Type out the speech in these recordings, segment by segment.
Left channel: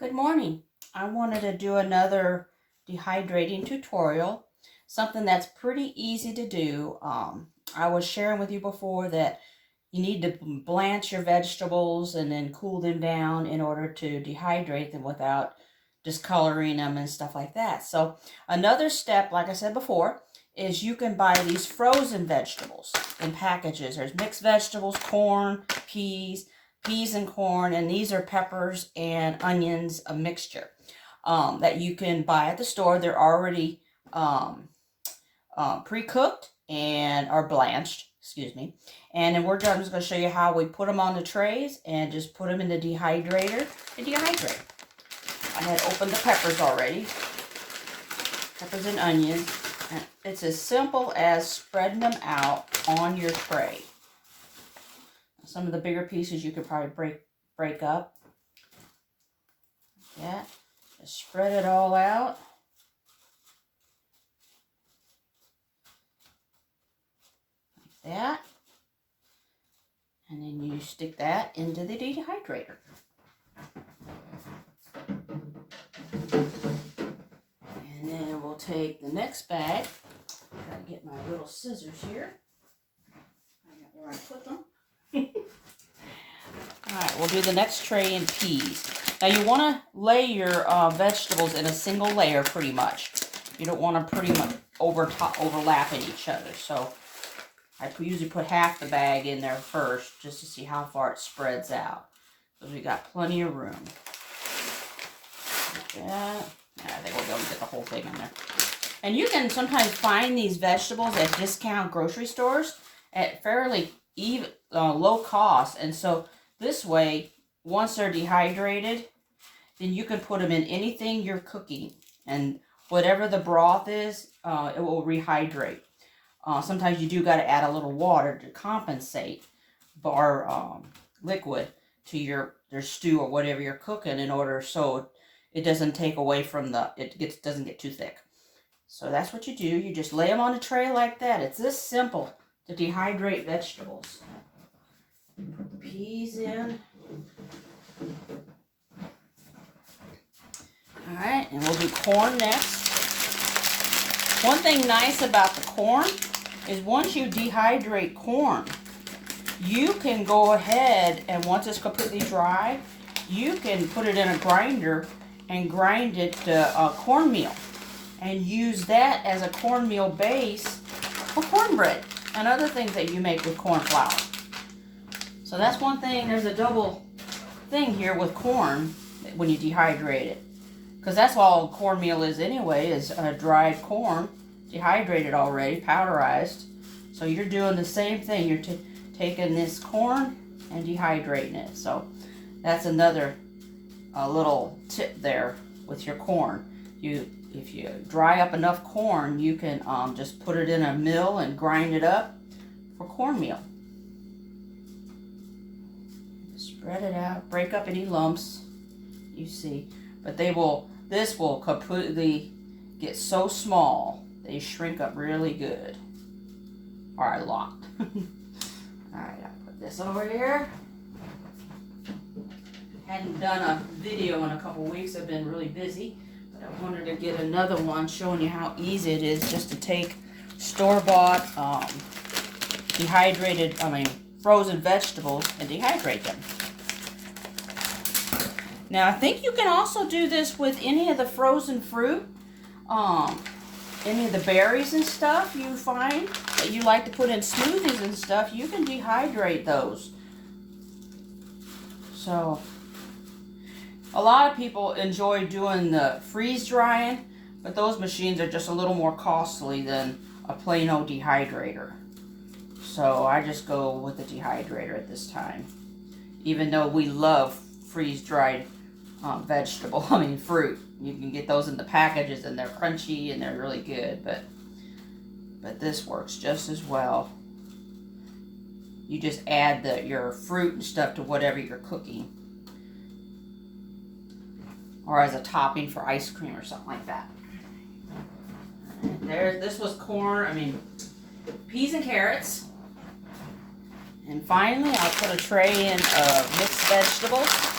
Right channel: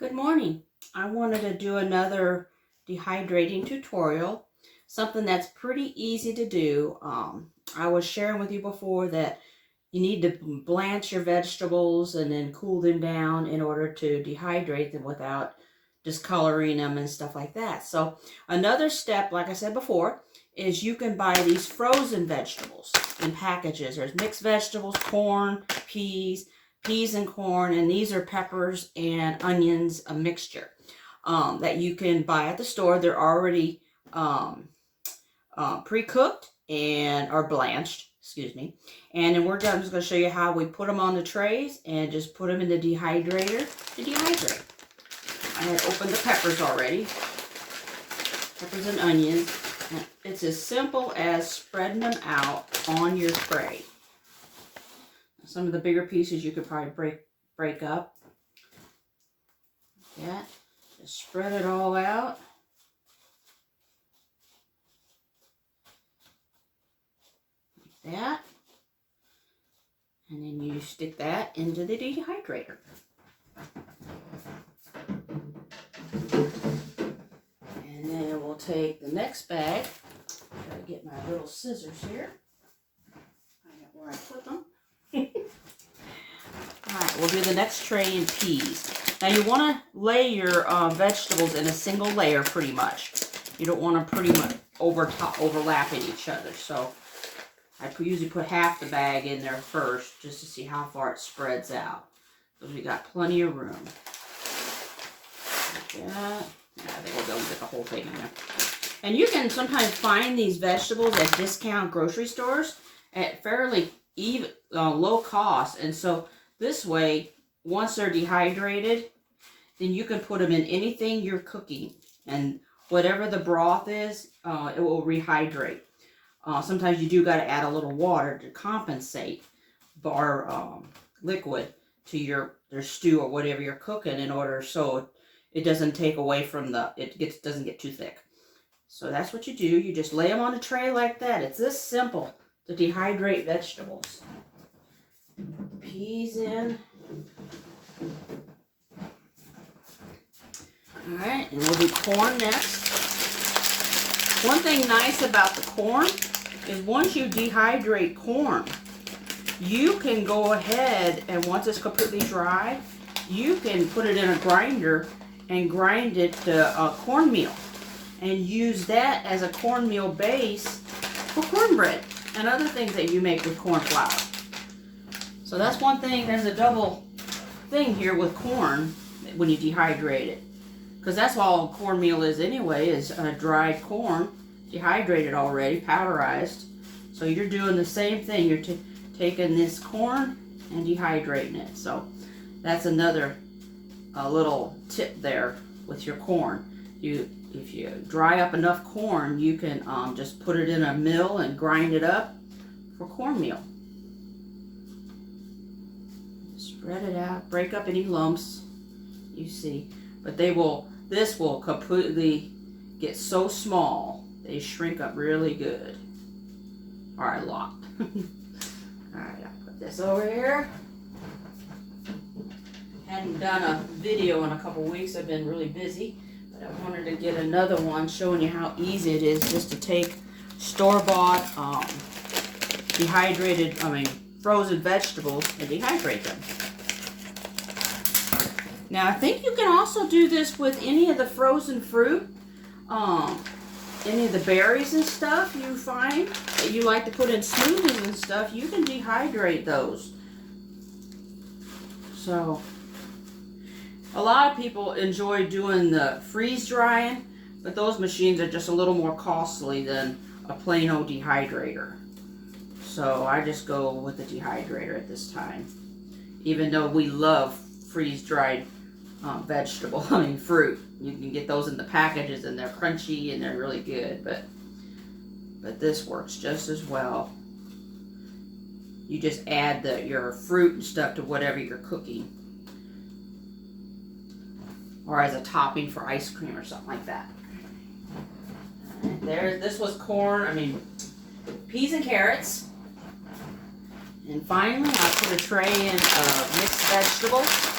Good morning. I wanted to do another dehydrating tutorial, something that's pretty easy to do. I was sharing with you before that you need to blanch your vegetables and then cool them down in order to dehydrate them without discoloring them and stuff like that. So another step, like I said before, is you can buy these frozen vegetables in packages. There's mixed vegetables, corn, peas and corn, and these are peppers and onions, a mixture that you can buy at the store. They're already pre-cooked and are blanched, excuse me. And then I'm just going to show you how we put them on the trays and just put them in the dehydrator to dehydrate. I had opened the peppers already, peppers and onions. And it's as simple as spreading them out on your tray. Some of the bigger pieces you could probably break up. Yeah, just spread it all out. Like that. And then you stick that into the dehydrator. And then we'll take the next bag. Gotta get my little scissors here. I got where I put them. Alright, we'll do the next tray in peas. Now you want to lay your vegetables in a single layer pretty much. You don't want to pretty much overlapping each other. So I usually put half the bag in there first just to see how far it spreads out. Because we got plenty of room. Like that. Yeah, I think we'll be able to get the whole thing in there. And you can sometimes find these vegetables at discount grocery stores at fairly low cost. And so this way, once they're dehydrated, then you can put them in anything you're cooking. And whatever the broth is, it will rehydrate. Sometimes you do got to add a little water to compensate or liquid to your stew or whatever you're cooking in order so it doesn't take away from doesn't get too thick. So that's what you do. You just lay them on a tray like that. It's this simple to dehydrate vegetables. Put the peas in. Alright, and we'll do corn next. One thing nice about the corn is once you dehydrate corn, you can go ahead and once it's completely dry, you can put it in a grinder and grind it to cornmeal and use that as a cornmeal base for cornbread and other things that you make with corn flour. So that's one thing, there's a double thing here with corn when you dehydrate it. Because that's all cornmeal is anyway, is dried corn, dehydrated already, powderized. So you're doing the same thing. You're taking this corn and dehydrating it. So that's another little tip there with your corn. If you dry up enough corn, you can just put it in a mill and grind it up for cornmeal. Spread it out, break up any lumps you see. But this will completely get so small, they shrink up really good. Or a lot. Alright, I'll put this over here. Hadn't done a video in a couple weeks, I've been really busy. But I wanted to get another one showing you how easy it is just to take store-bought, frozen vegetables and dehydrate them. Now, I think you can also do this with any of the frozen fruit, any of the berries and stuff you find that you like to put in smoothies and stuff. You can dehydrate those. So, a lot of people enjoy doing the freeze drying, but those machines are just a little more costly than a plain old dehydrator. So, I just go with the dehydrator at this time. Even though we love freeze-dried fruit. You can get those in the packages and they're crunchy and they're really good, but this works just as well. You just add your fruit and stuff to whatever you're cooking. Or as a topping for ice cream or something like that. And this was peas and carrots. And finally, I'll put a tray in of mixed vegetables.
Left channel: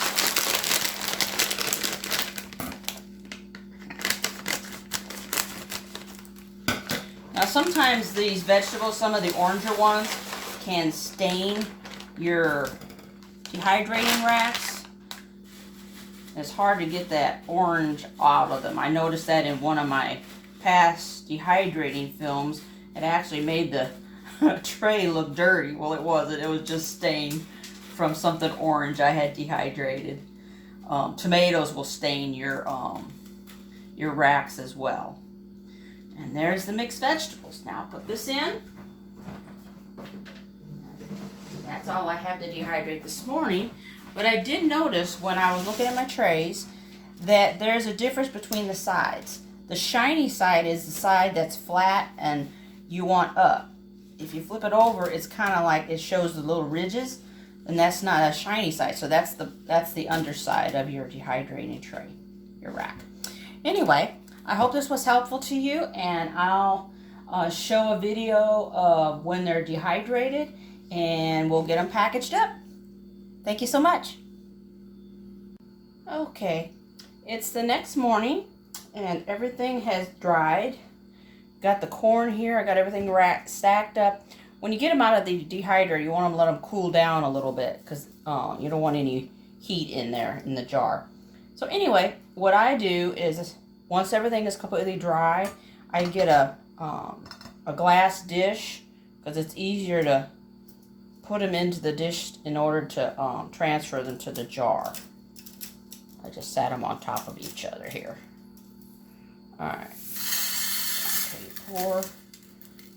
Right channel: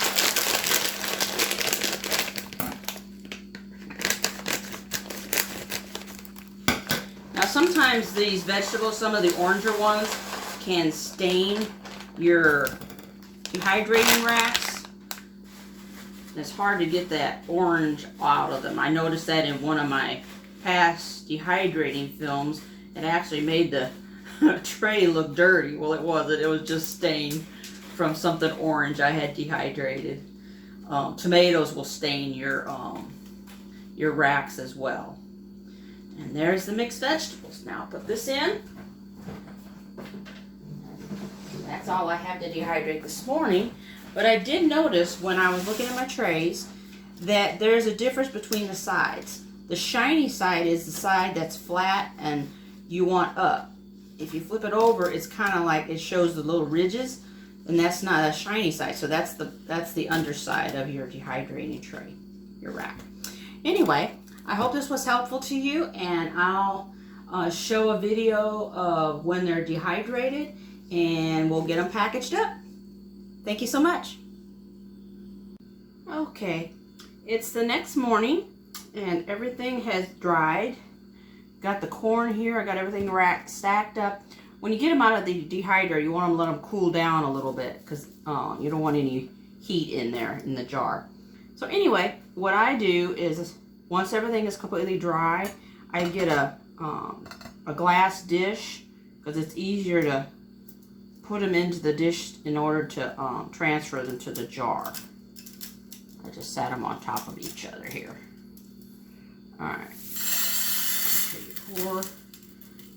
sometimes these vegetables, some of the oranger ones, can stain your dehydrating racks. It's hard to get that orange out of them. I noticed that in one of my past dehydrating films. It actually made the tray look dirty. Well, it wasn't. It was just stained from something orange I had dehydrated. Tomatoes will stain your racks as well. And there's the mixed vegetables. Now put this in. That's all I have to dehydrate this morning. But I did notice when I was looking at my trays that there's a difference between the sides. The shiny side is the side that's flat and you want up. If you flip it over, it's kind of like it shows the little ridges, and that's not a shiny side. So that's the underside of your dehydrating tray, your rack. Anyway, I hope this was helpful to you, and I'll show a video of when they're dehydrated, and we'll get them packaged up. Thank you so much. Okay, it's the next morning, and everything has dried. Got the corn here. I got everything stacked up. When you get them out of the dehydrator, you want to let them cool down a little bit because you don't want any heat in there in the jar. So anyway, what I do is once everything is completely dry, I get a glass dish because it's easier to put them into the dish in order to transfer them to the jar. I just sat them on top of each other here. All right. Okay, pour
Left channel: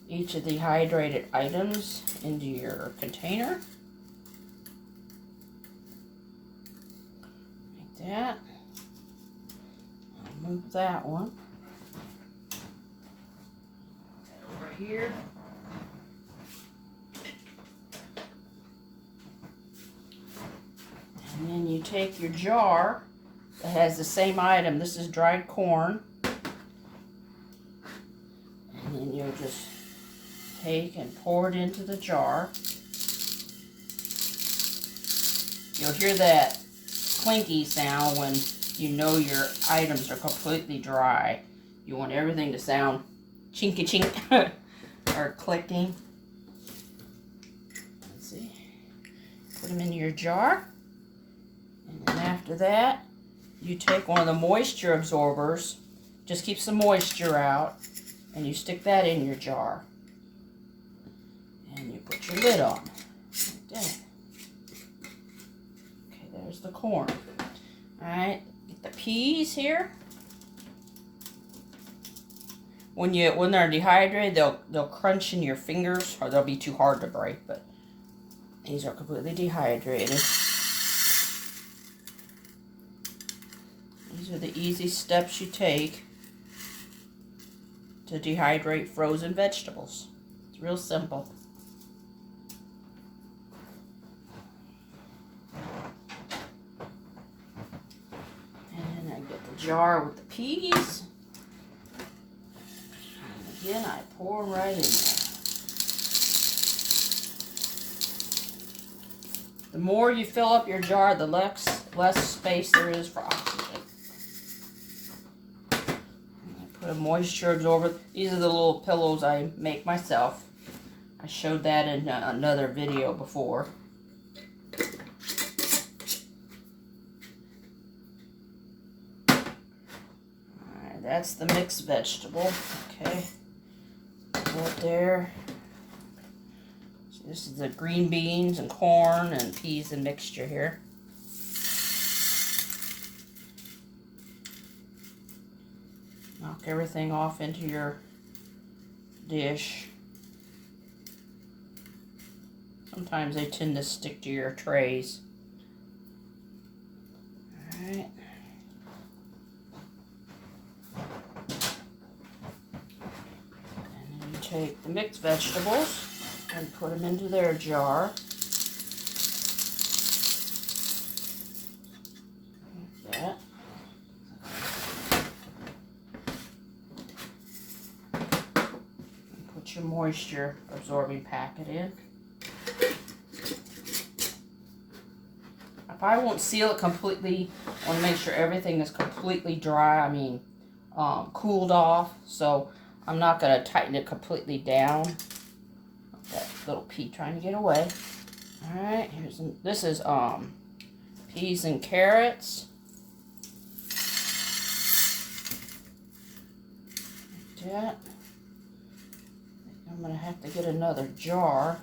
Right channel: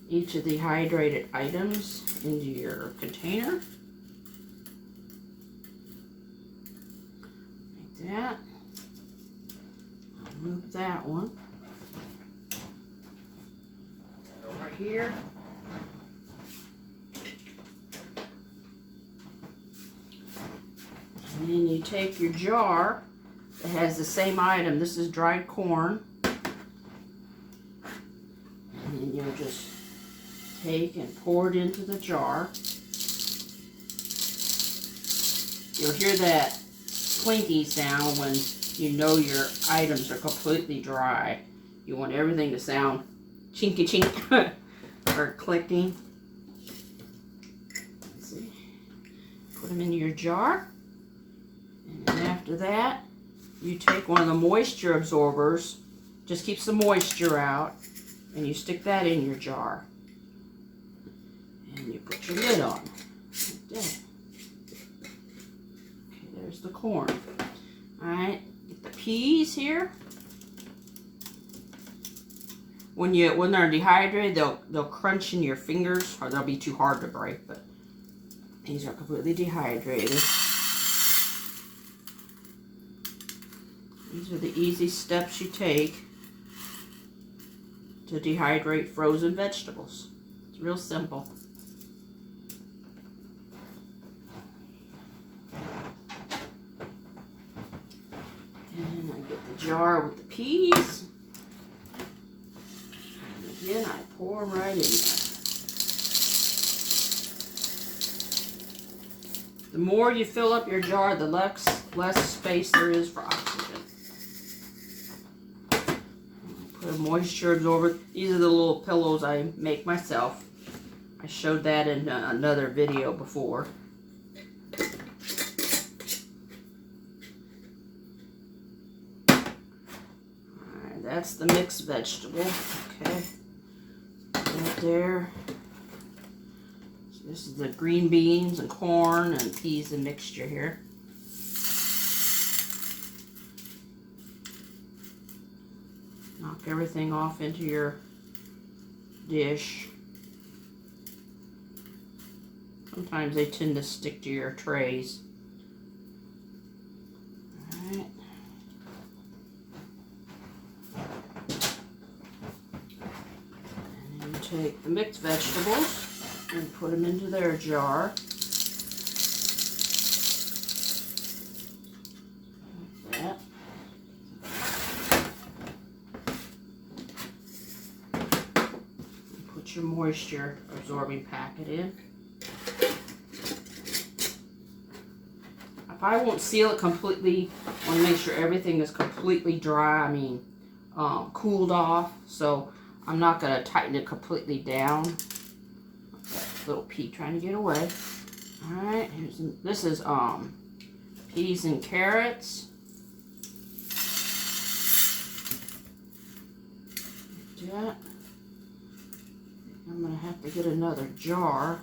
each of the hydrated items into your container. Like that. I'll move that one. Over here. And then you take your jar that has the same item. This is dried corn. And then you'll just take and pour it into the jar. You'll hear that clinky sound when you know your items are completely dry. You want everything to sound chinky chink or clicking. Let's see. Put them in your jar. And then after that, you take one of the moisture absorbers, just keeps the moisture out, and you stick that in your jar. And you put your lid on, like that. Okay, there's the corn. Alright, get the peas here. When they're dehydrated, they'll crunch in your fingers, or they'll be too hard to break, but these are completely dehydrated. These are the easy steps you take to dehydrate frozen vegetables. It's real simple. And then I get the jar with the peas. And again, I pour them right in there. The more you fill up your jar, the less space there is for oxygen. Put a moisture absorber. These are the little pillows I make myself. I showed that in another video before. Alright, that's the mixed vegetable. Okay. Right there. So this is the green beans and corn and peas and mixture here. Knock everything off into your dish. Sometimes they tend to stick to your trays. Alright. And then you take the mixed vegetables and put them into their jar. Like that. Put your moisture absorbing packet in. I won't seal it completely. I want to make sure everything is completely dry, cooled off. So I'm not going to tighten it completely down. That little pea trying to get away. Alright, this is peas and carrots. Like that. I'm going to have to get another jar.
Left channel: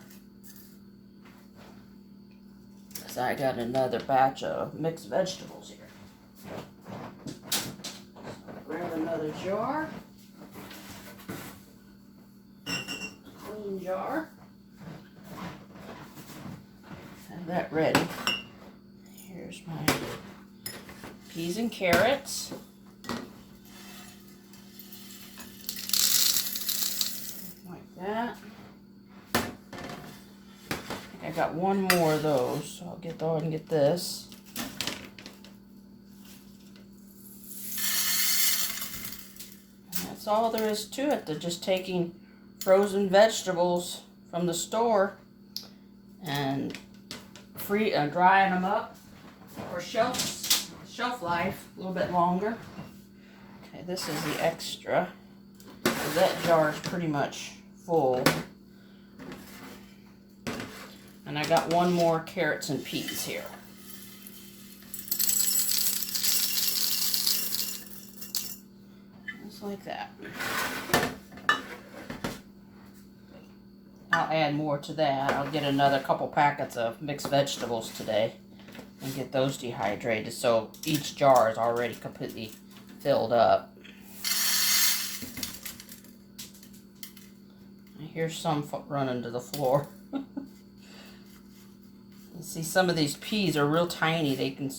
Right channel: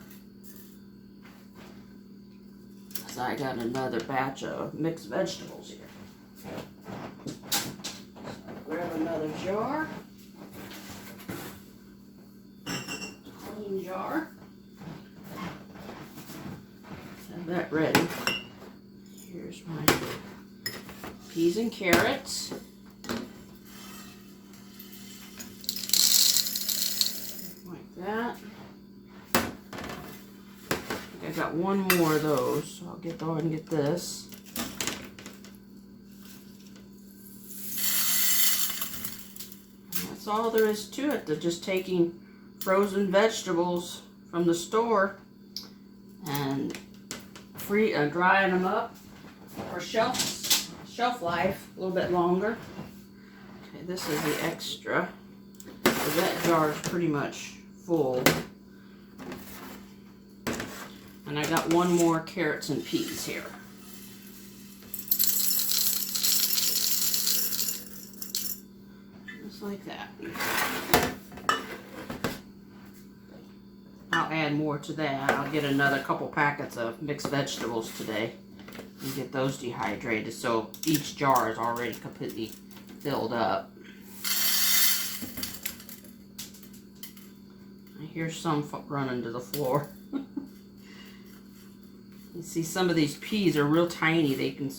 Because I got another batch of mixed vegetables here. So I'll grab another jar. Clean jar. Have that ready. Here's my peas and carrots. Like that. I got one more of those, so I'll get go ahead and get this. And that's all there is to it. They're just taking frozen vegetables from the store and drying them up for shelf life a little bit longer. Okay, this is the extra. So that jar is pretty much full. And I got one more carrots and peas here. Just like that. I'll add more to that. I'll get another couple packets of mixed vegetables today and get those dehydrated so each jar is already completely filled up. I hear some running to the floor. You see, some of these peas are real tiny. They can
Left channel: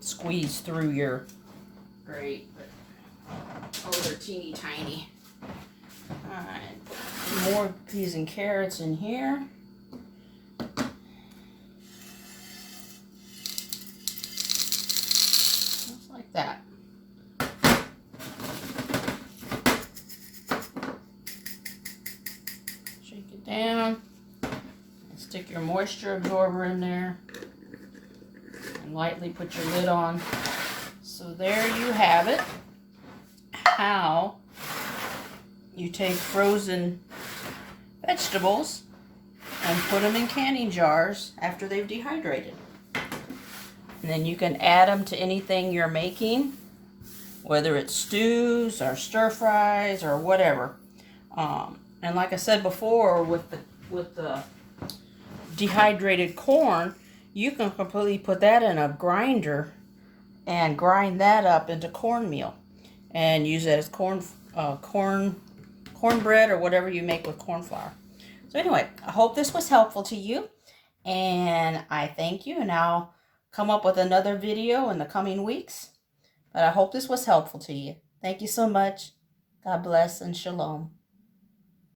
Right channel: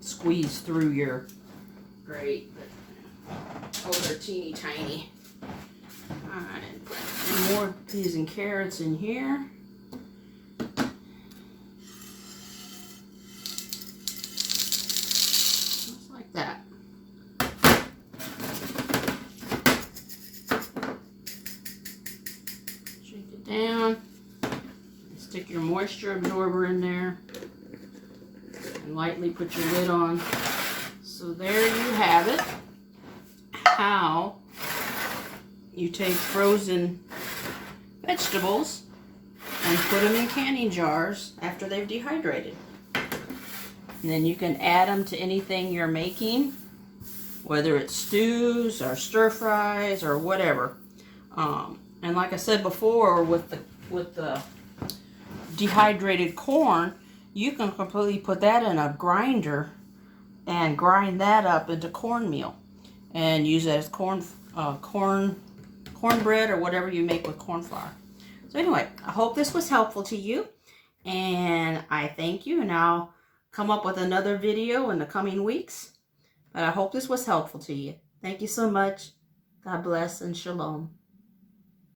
squeeze through your grate. Oh, they're teeny tiny. Alright, put some more peas and carrots in here. Just like that. Shake it down. Stick your moisture absorber in there and lightly put your lid on. So there you have it. How you take frozen vegetables and put them in canning jars after they've dehydrated. And then you can add them to anything you're making, whether it's stews or stir fries or whatever. And like I said before, with the dehydrated corn, you can completely put that in a grinder and grind that up into cornmeal and use it as cornbread or whatever you make with corn flour. So anyway, I hope this was helpful to you, and I thank you, and I'll come up with another video in the coming weeks. But I hope this was helpful to you. Thank you so much. God bless and shalom.